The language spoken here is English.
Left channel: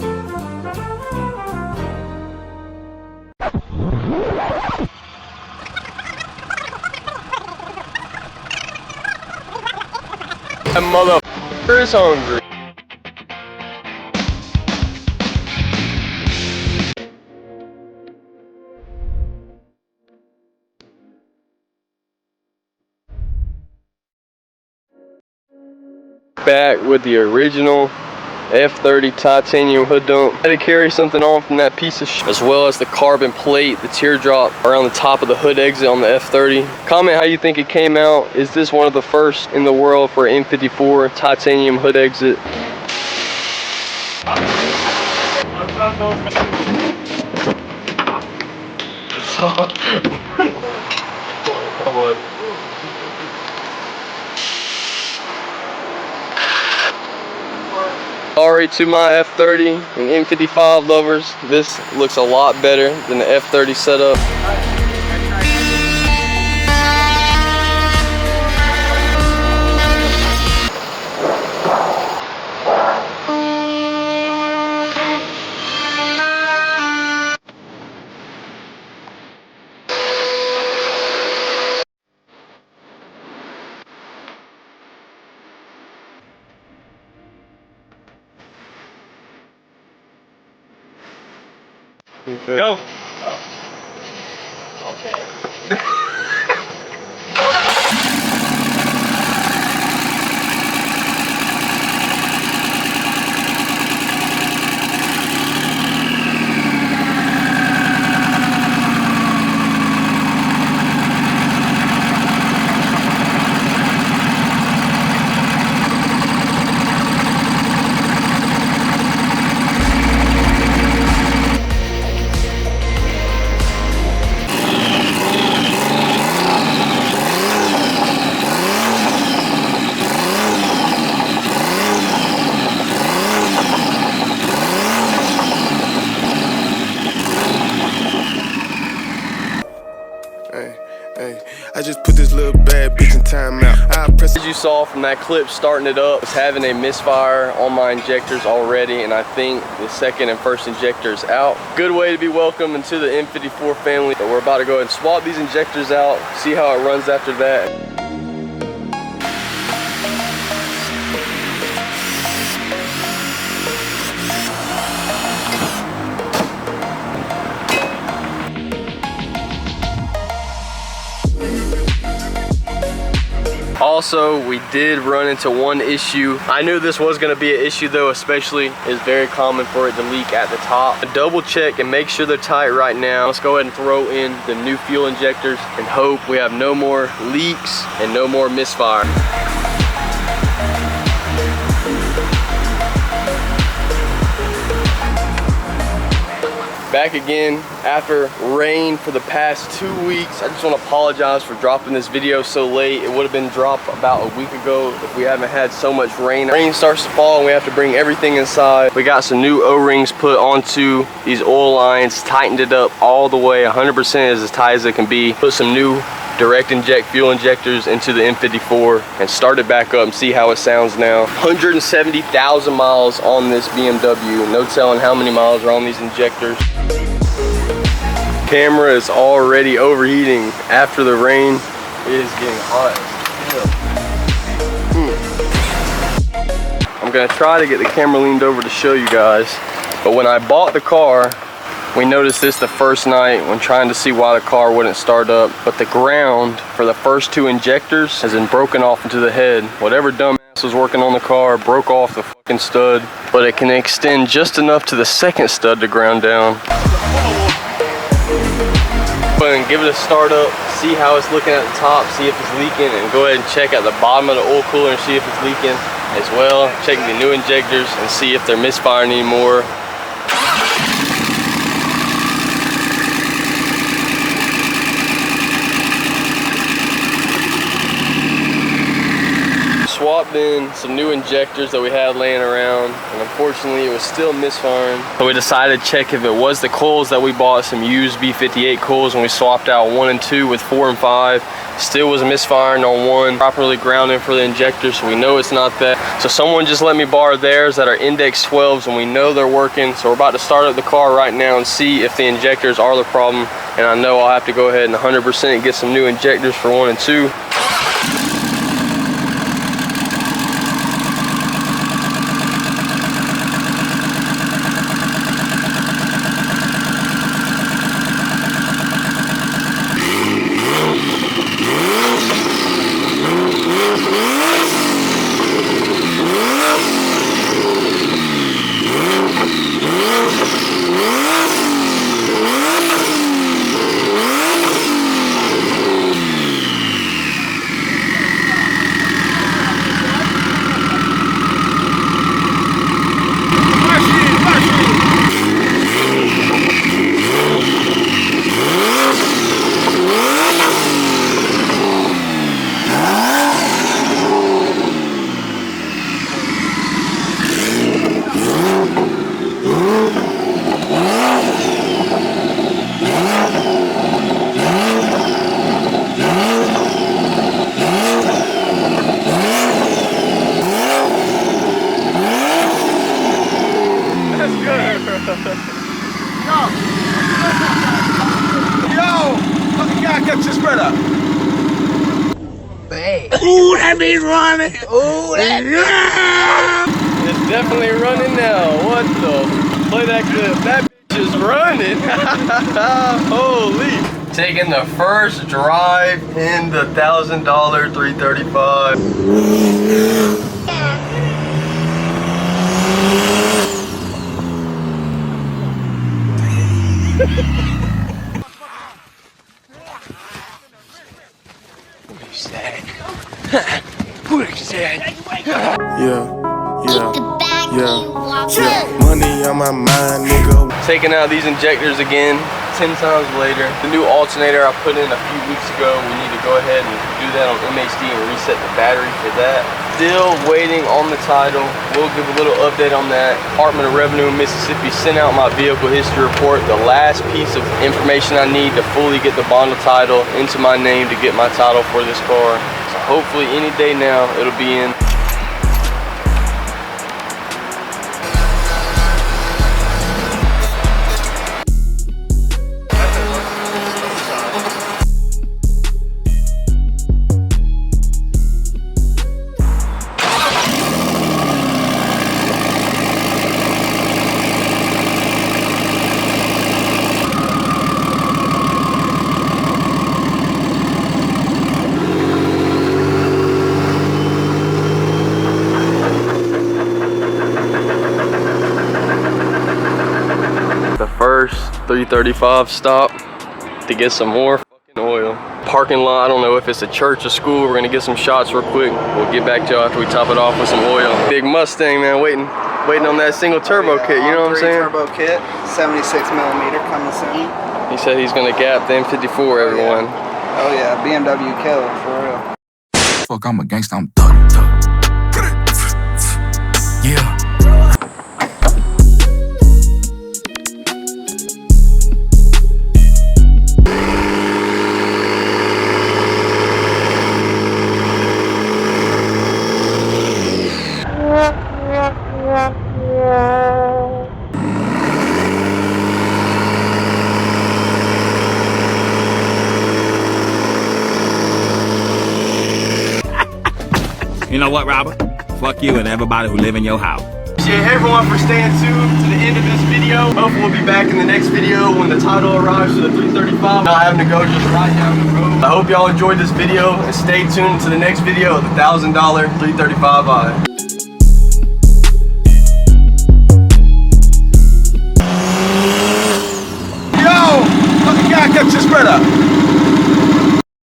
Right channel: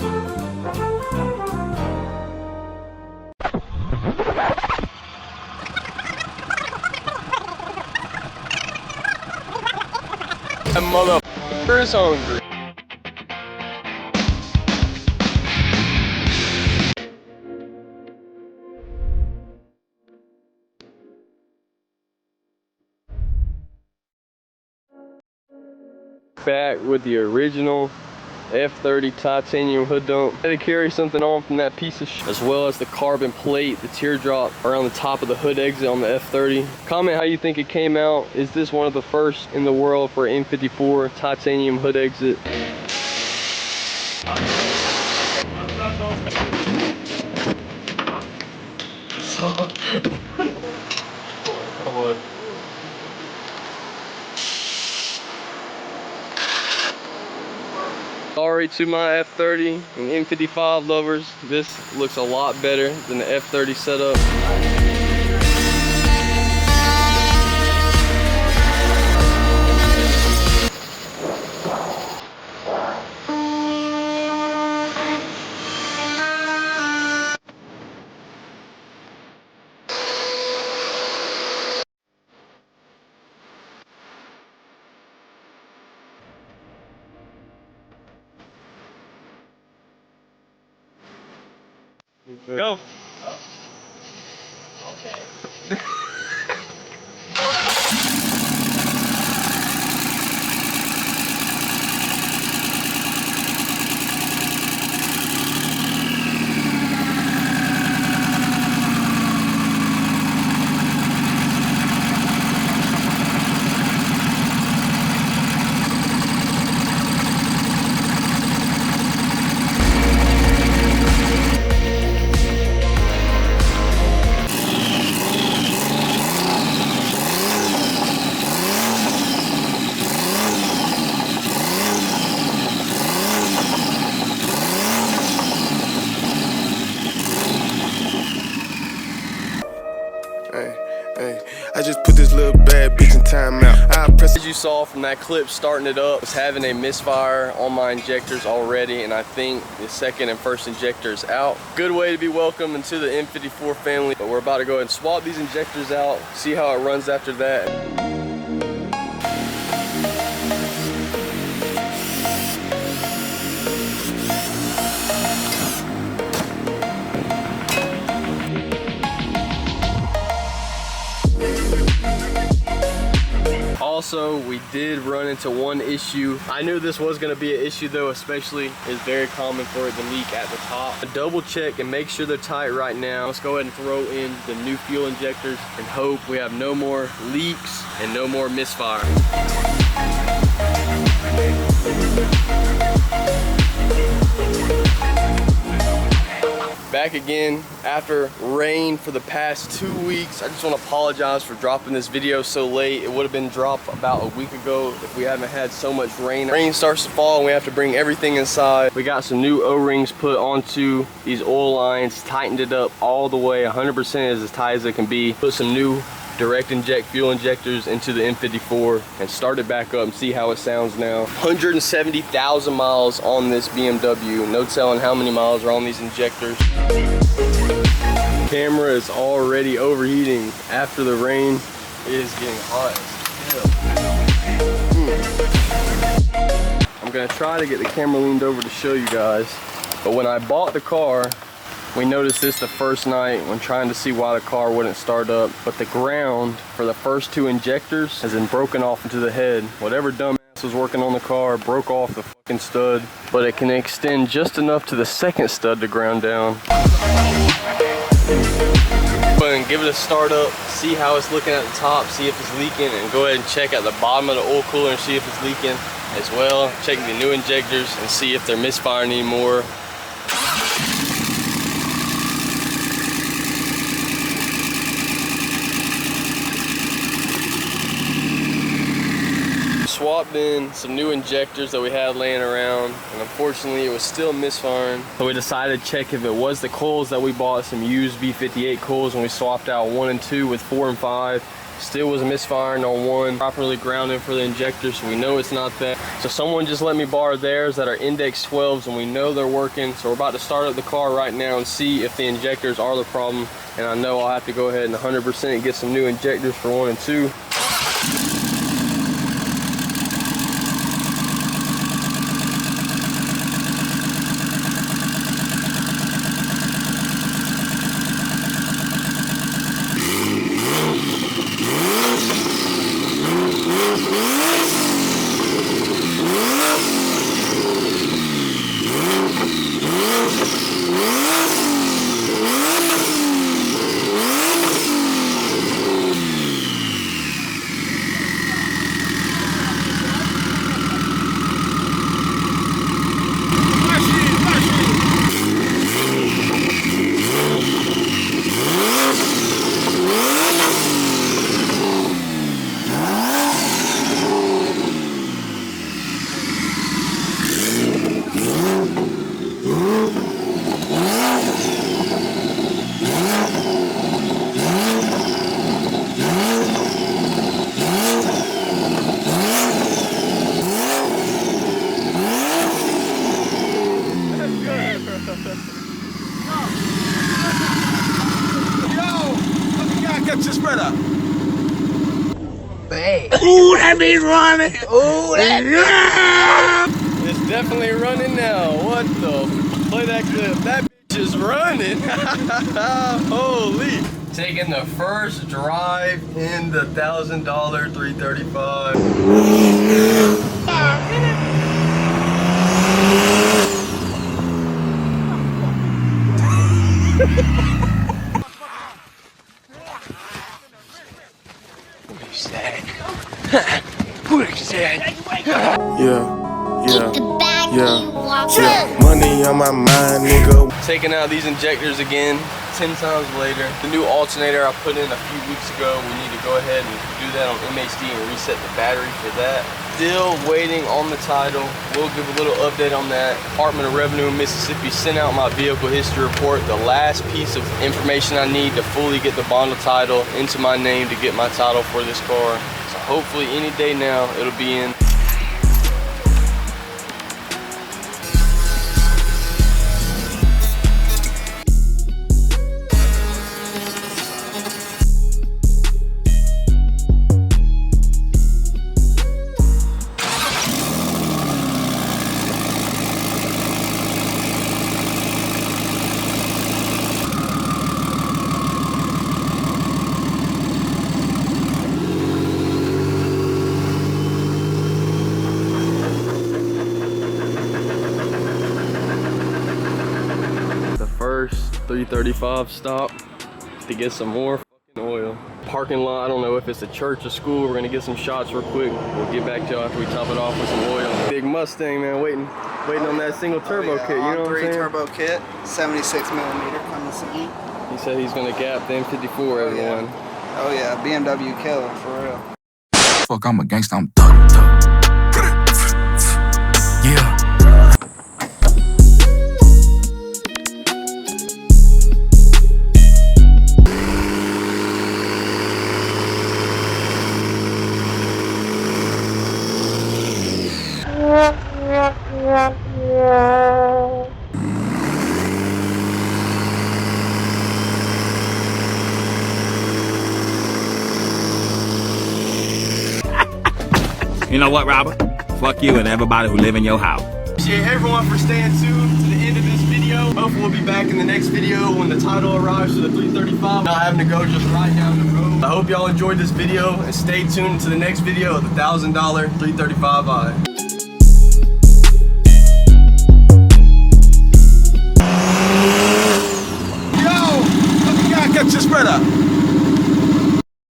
That motherfucker is hungry. Back with the original F30 titanium hood dump. I had to carry something on from that piece of shit, as well as the carbon plate, the teardrop around the top of the hood exit on the F30. Comment how you think it came out. Is this one of the first in the world for M54 titanium hood exit? Sorry to my F30 and M55 lovers, this looks a lot better than the F30 setup. Go. Okay. I just put this little bad bitch in timeout. As you saw from that clip starting it up, I was having a misfire on my injectors already, and I think the second and first injector is out. Good way to be welcomed into the M54 family. But we're about to go ahead and swap these injectors out, see how it runs after that. Also, we did run into one issue. I knew this was going to be an issue though, especially it's very common for it to leak at the top. Double check and make sure they're tight right now. Let's go ahead and throw in the new fuel injectors and hope we have no more leaks and no more misfire. Back again after rain for the past 2 weeks. I just want to apologize for dropping this video so late. It would have been dropped about a week ago if we haven't had so much rain. Rain starts to fall and we have to bring everything inside. We got some new O-rings put onto these oil lines, tightened it up all the way 100% as tight as it can be. Put some new direct inject fuel injectors into the M54 and start it back up and see how it sounds now. 170,000 miles on this BMW. No telling how many miles are on these injectors. Camera is already overheating after the rain. It is getting hot as hell. I'm gonna try to get the camera leaned over to show you guys, but when I bought the car, we noticed this the first night when trying to see why the car wouldn't start up, but the ground for the first two injectors has been broken off into the head. Whatever dumbass was working on the car broke off the fucking stud, but it can extend just enough to the second stud to ground down. Go ahead and give it a start up, see how it's looking at the top, see if it's leaking, and go ahead and check at the bottom of the oil cooler and see if it's leaking as well. Check the new injectors and see if they're misfiring anymore. Swap swapped in some new injectors that we had laying around, and unfortunately it was still misfiring. So we decided to check if it was the coils that we bought, some used B58 coils, when we swapped out 1 and 2 with 4 and 5. Still was misfiring on 1, properly grounding for the injector, so we know it's not that. So someone just let me borrow theirs that are index 12s, and we know they're working. So we're about to start up the car right now and see if the injectors are the problem. And I know I'll have to go ahead and 100% get some new injectors for 1 and 2. Ooh, that means running. Ooh, that. It's definitely running now. What the? Play that clip. That bitch is running. Holy. Taking the first drive in the $1,000 335. Yeah. Money on my mind, nigga. Taking out these injectors again, 10 times later. The new alternator I put in a few weeks ago, we need to go ahead and do that on MHD and reset the battery for that. Still waiting on the title. We'll give a little update on that. Department of Revenue in Mississippi sent out my vehicle history report, the last piece of information I need to fully get the bundle title into my name to get my title for this car. So hopefully any day now it'll be in. First 335 stop to get some more fucking oil. Parking lot, I don't know if it's a church or school. We're gonna get some shots real quick. We'll get back to y'all after we top it off with some oil. Big Mustang, man, waiting on that single turbo kit, you know what I'm saying? Turbo kit, 76mm coming soon. He said he's gonna gap the M54, everyone. Oh yeah, BMW killer, for real. Fuck, I'm a gangsta, I'm thug. Yeah. You know what, Robert? Fuck you and everybody who live in your house. Appreciate everyone for staying tuned to the end of this video. Hopefully we'll be back in the next video when the title arrives for the 335. Not having to go just right down the road. I hope y'all enjoyed this video and stay tuned to the next video of the $1,000 335i.